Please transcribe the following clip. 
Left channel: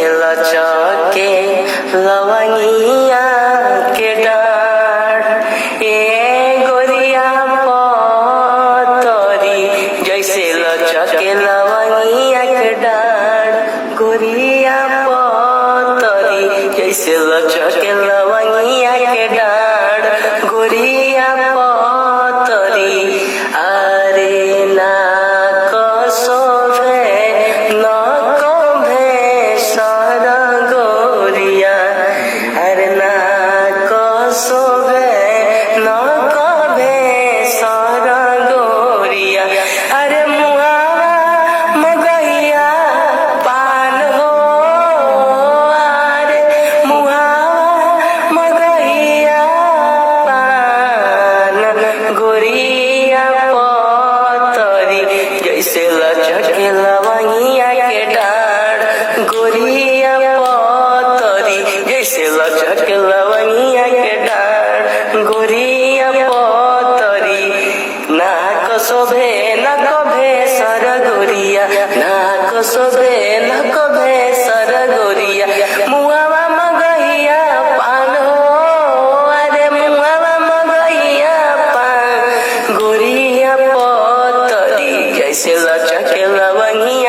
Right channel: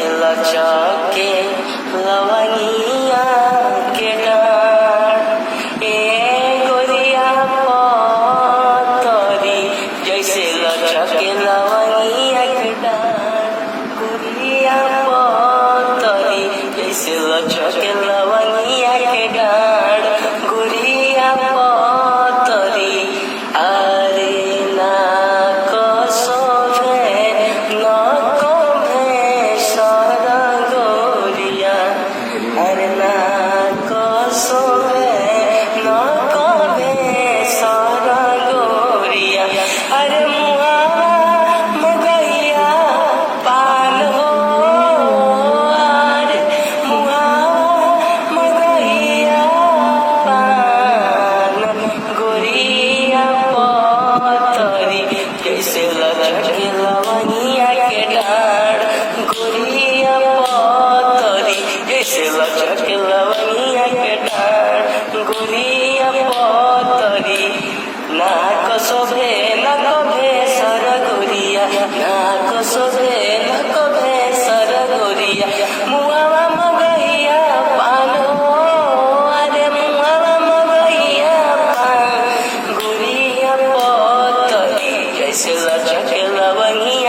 जैसे लचके लवंगिया के डाँठ ए गोरिया पतरी जैसे लचके लवंगिया के डाँठ गोरिया पतरी जैसे लचके लवंगिया के डाँठ गोरिया पतरी अरे ना कसोभे न कभे सर गोरिया अरे ना कसोभे न कभे सर गोरिया अरे मुआ मगैया पान हो अरे मुआ मगैया पान गोरिया पतरी जैसे लचके लवंगिया के डाँठ गोरिया पतरी जैसे लचके लवंगिया के डाँठ गोरिया पतरी नाक शोभे न कभे सर गोरिया नाक शोभे न कभे सर गोरिया मुआवा मगैया पानो अरे मुआवा मगैया पान गोरिया पतरी जैसे लचके लवंगिया